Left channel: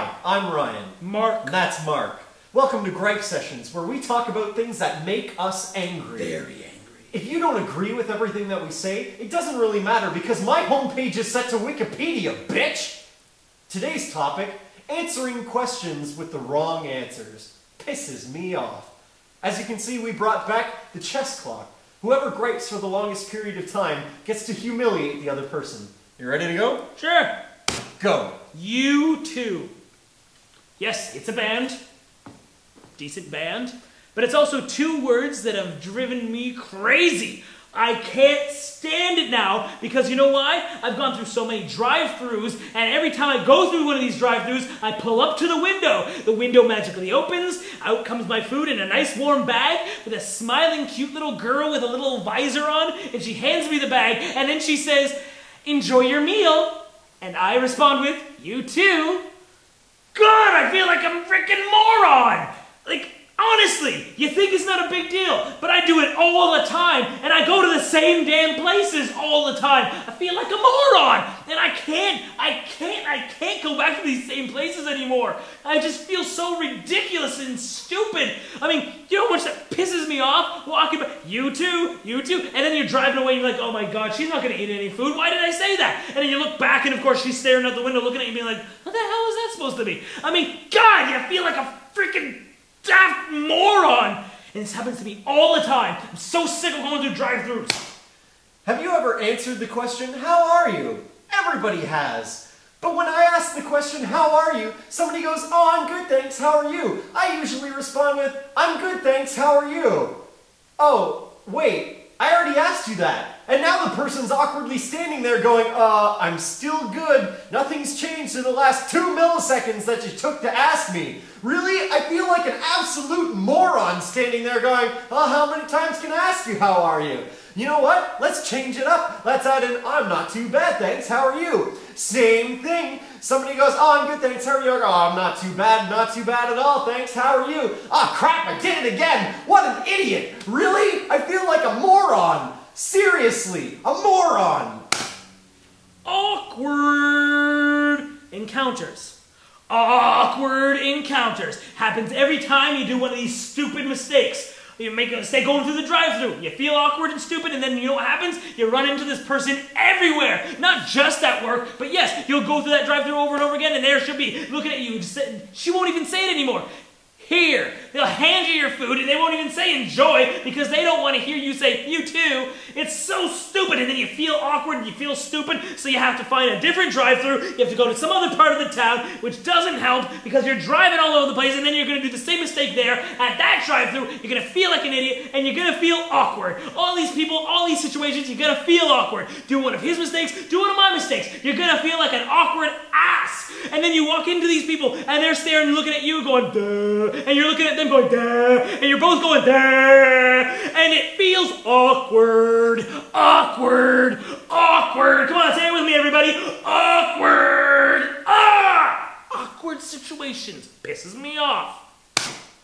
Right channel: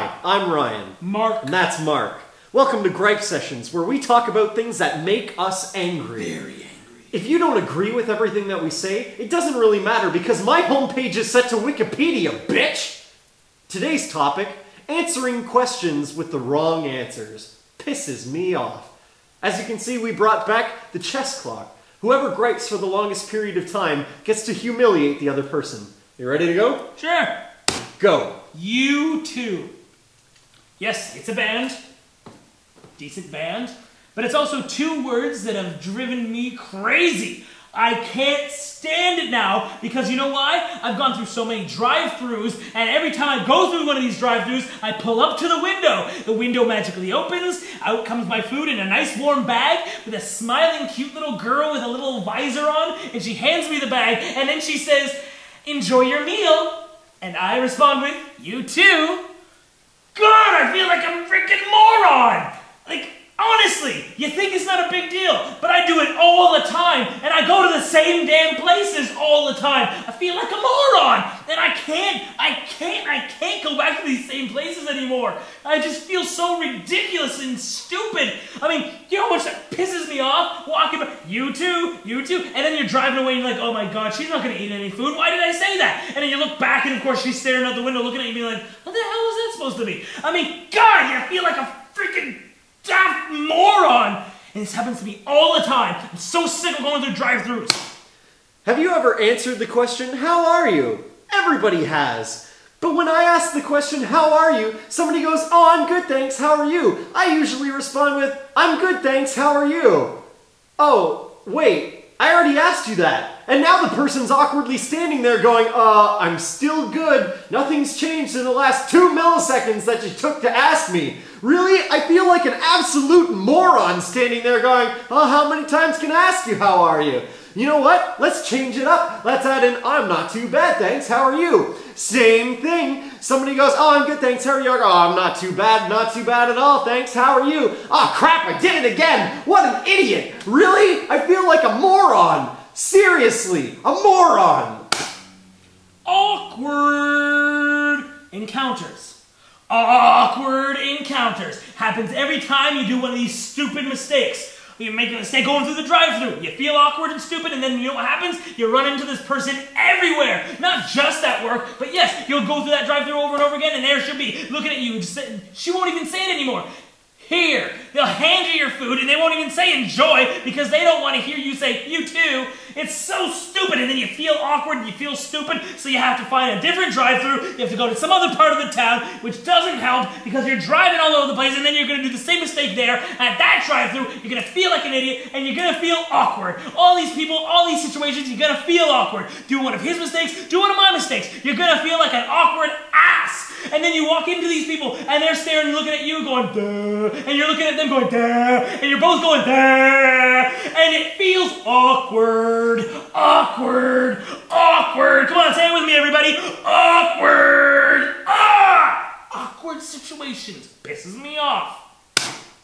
Hi, I'm Ryan. Mark. And that's Mark. Welcome to Gripe Sessions, where we talk about things that make us angry. Very angry. If you don't agree with everything that we say, it doesn't really matter because my homepage is set to Wikipedia, bitch! Today's topic, answering questions with the wrong answers. Pisses me off. As you can see, we brought back the chess clock. Whoever gripes for the longest period of time gets to humiliate the other person. You ready to go? Sure. Go. U2. Yes, it's a band. Decent band. But it's also two words that have driven me crazy. I can't stand it now because you know why? I've gone through so many drive-thrus, and every time I go through one of these drive-thrus, I pull up to the window. The window magically opens, out comes my food in a nice warm bag with a smiling cute little girl with a little visor on, and she hands me the bag, and then she says, "Enjoy your meal." And I respond with, "You too." Good, I feel like a freaking moron. Like, honestly, you think it's not a big deal, but I do it all the time, and I go to the same damn places all the time. I feel like a moron, and I can't go back to these same places anymore. I just feel so ridiculous and stupid. I mean, you know how much that pisses me off? Walking by, you too, and then you're driving away and you're like, oh my god, she's not going to eat any food. Why did I say that? And then you look back and of course she's staring out the window looking at you and being like, what the hell is that supposed to be? I mean, God, you feel like a freaking daft moron. And this happens to me all the time. I'm so sick of going through drive-thrus. Have you ever answered the question, how are you? Everybody has. But when I ask the question, how are you? Somebody goes, oh, I'm good, thanks, how are you? I usually respond with, I'm good, thanks, how are you? Oh, wait, I already asked you that. And now the person's awkwardly standing there going, I'm still good. Nothing's changed in the last 2 milliseconds that you took to ask me. Really? I feel like an absolute moron standing there going, oh, how many times can I ask you how are you? You know what? Let's change it up. Let's add in, I'm not too bad, thanks, how are you? Same thing. Somebody goes, oh, I'm good, thanks, how are you? Oh, I'm not too bad at all, thanks, how are you? Oh, crap, I did it again. What an idiot. Really? I feel like a moron. Seriously, a moron. Awkward encounters. Awkward encounters. Happens every time you do one of these stupid mistakes. You make a mistake going through the drive-thru. You feel awkward and stupid, and then you know what happens? You run into this person everywhere. Not just at work, but yes, you'll go through that drive-thru over and over again, and there she'll be looking at you. She won't even say it anymore. Here. They'll hand you your food, and they won't even say enjoy because they don't want to hear you say you too. It's so stupid, and then you feel awkward and you feel stupid, so you have to find a different drive-thru. You have to go to some other part of the town, which doesn't help because you're driving all over the place, and then you're going to do the same mistake there at that drive-thru. You're going to feel like an idiot, and you're going to feel awkward. All these people, all these situations, you're going to feel awkward. Do one of his mistakes, do one of my mistakes. You're going to feel like an awkward ass. And then you walk into these people, and they're staring and looking at you going, duh. And you're looking at them going, duh. And you're both going, duh. And it feels awkward. Awkward. Awkward. Come on, say it with me, everybody. Awkward. Awkward situations. Pisses me off.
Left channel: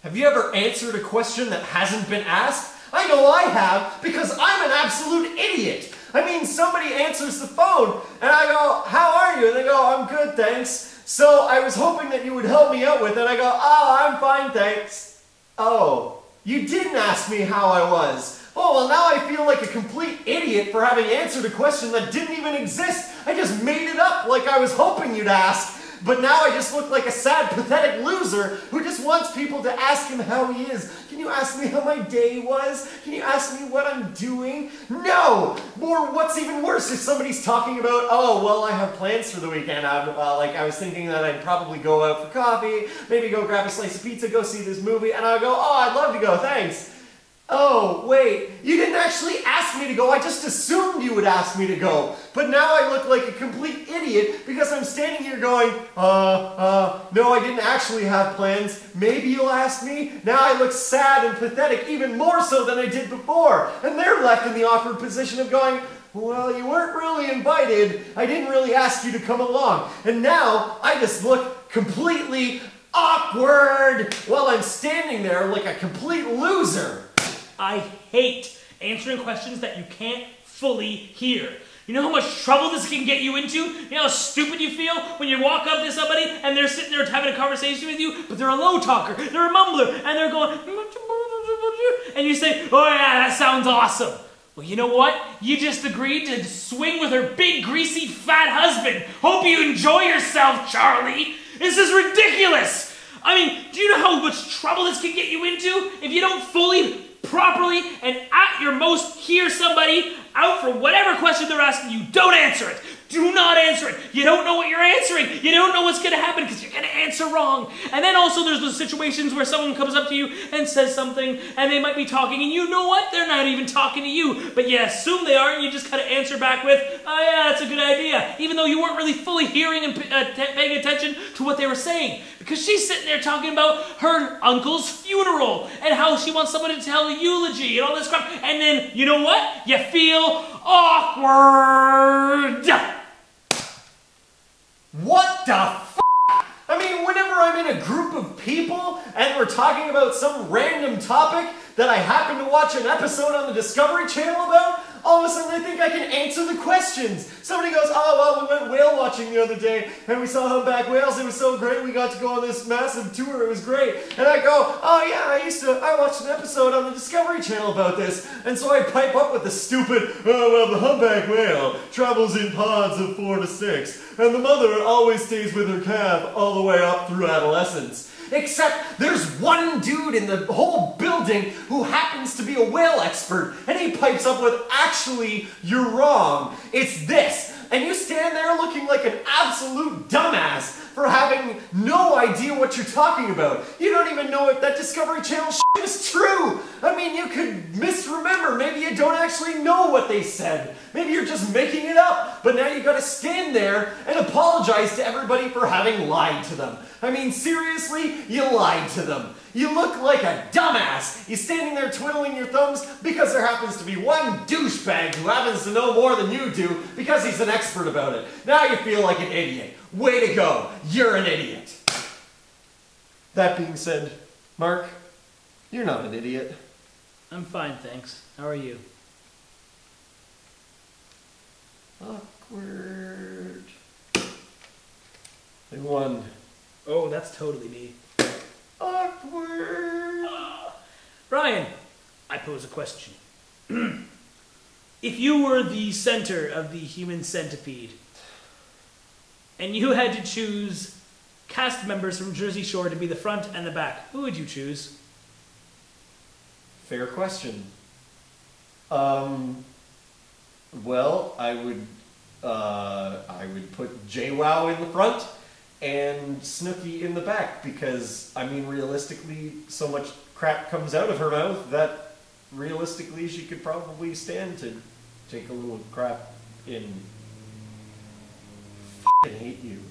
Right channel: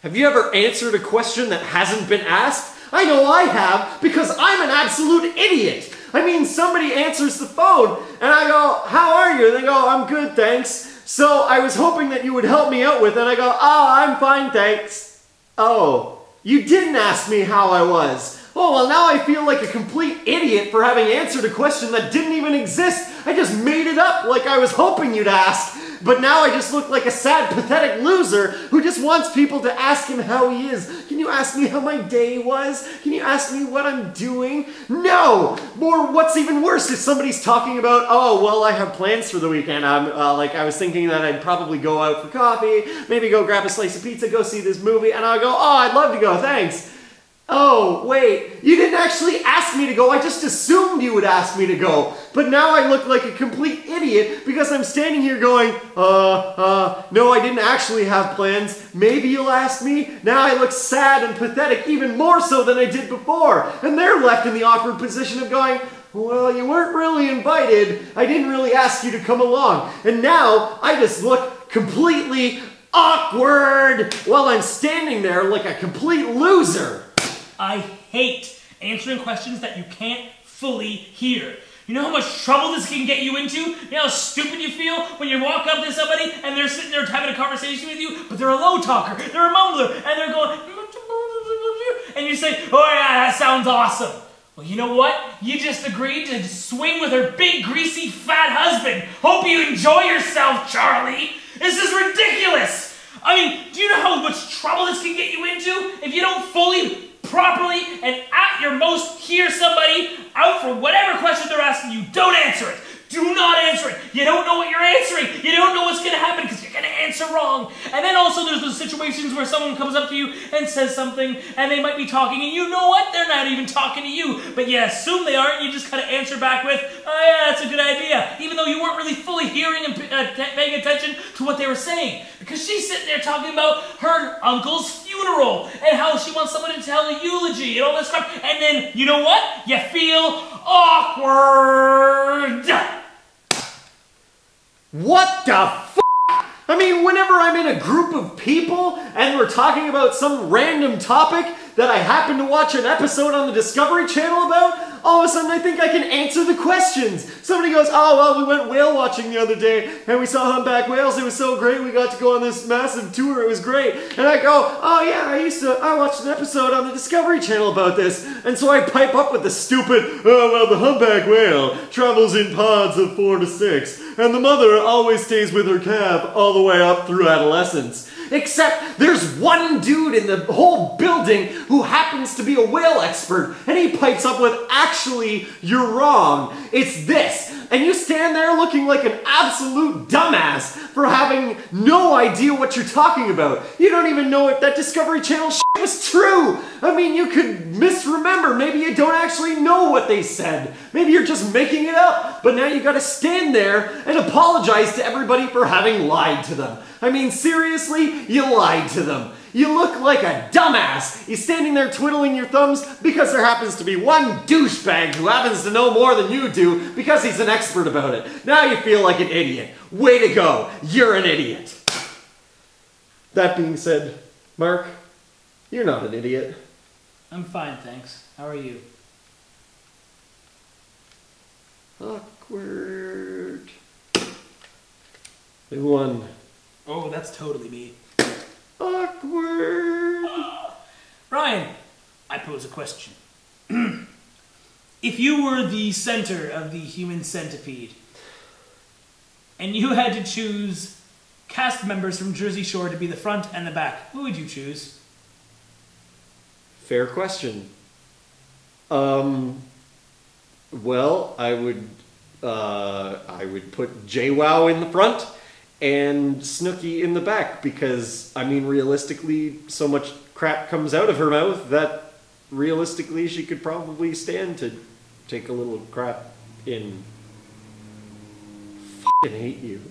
Have you ever answered a question that hasn't been asked? I know I have, because I'm an absolute idiot. I mean, somebody answers the phone, and I go, how are you? And they go, I'm good, thanks. So I was hoping that you would help me out with it. And I go, oh, I'm fine, thanks. Oh, you didn't ask me how I was. Oh, well, now I feel like a complete idiot for having answered a question that didn't even exist. I just made it up like I was hoping you'd ask. But now I just look like a sad, pathetic loser who just wants people to ask him how he is. Can you ask me how my day was? Can you ask me what I'm doing? No! Or what's even worse is somebody's talking about, oh, well, I have plans for the weekend. I was thinking that I'd probably go out for coffee, maybe go grab a slice of pizza, go see this movie, and I'll go, oh, I'd love to go, thanks. Oh, wait, you didn't actually ask me to go, I just assumed you would ask me to go. But now I look like a complete idiot because I'm standing here going, no, I didn't actually have plans. Maybe you'll ask me? Now I look sad and pathetic, even more so than I did before. And they're left in the awkward position of going, well, you weren't really invited. I didn't really ask you to come along. And now I just look completely awkward while I'm standing there like a complete loser. I hate answering questions that you can't fully hear. You know how much trouble this can get you into? You know how stupid you feel when you walk up to somebody and they're sitting there having a conversation with you, but they're a low talker, they're a mumbler, and they're going, and you say, oh yeah, that sounds awesome. Well, you know what? You just agreed to swing with her big, greasy, fat husband. Hope you enjoy yourself, Charlie. This is ridiculous. I mean, do you know how much trouble this can get you into if you don't fully, properly, and at your most hear somebody out for whatever question they're asking you? Don't answer it. Do not answer it. You don't know what you're answering. You don't know what's going to happen because you're going to answer wrong. And then also there's those situations where someone comes up to you and says something and they might be talking and you know what? They're not even talking to you. But you assume they are and you just kind of answer back with, oh yeah, that's a good idea. Even though you weren't really fully hearing and paying attention to what they were saying. Because she's sitting there talking about her uncle's funeral and how she wants someone to tell a eulogy and all this crap. And then, you know what? You feel awkward. What the f***? I mean, whenever I'm in a group of people and we're talking about some random topic that I happen to watch an episode on the Discovery Channel about, all of a sudden I think I can answer the questions. Somebody goes, oh, well, we went whale watching the other day and we saw humpback whales. It was so great. We got to go on this massive tour. It was great. And I go, oh yeah, I watched an episode on the Discovery Channel about this. And so I pipe up with the stupid, oh, well, the humpback whale travels in pods of 4 to 6. And the mother always stays with her calf all the way up through adolescence. Except there's one dude in the whole building who happens to be a whale expert, and he pipes up with, actually, you're wrong. It's this. And you stand there looking like an absolute dumbass for having no idea what you're talking about. You don't even know if that Discovery Channel shit was true. I mean, you could misremember. Maybe you don't actually know what they said. Maybe you're just making it up. But now you gotta stand there and apologize to everybody for having lied to them. I mean, seriously, you lied to them. You look like a dumbass. You're standing there twiddling your thumbs because there happens to be one douchebag who happens to know more than you do because he's an expert about it. Now you feel like an idiot. Way to go. You're an idiot. That being said, Mark, you're not an idiot. I'm fine, thanks. How are you? Awkward. And one. Oh, that's totally me. Awkward. Ryan, I pose a question. If you were the center of the human centipede, and you had to choose cast members from Jersey Shore to be the front and the back, who would you choose? Fair question. Well, I would put JWoww in the front and Snooki in the back because, I mean, realistically, so much crap comes out of her mouth that realistically she could probably stand to take a little crap in. F***ing hate you.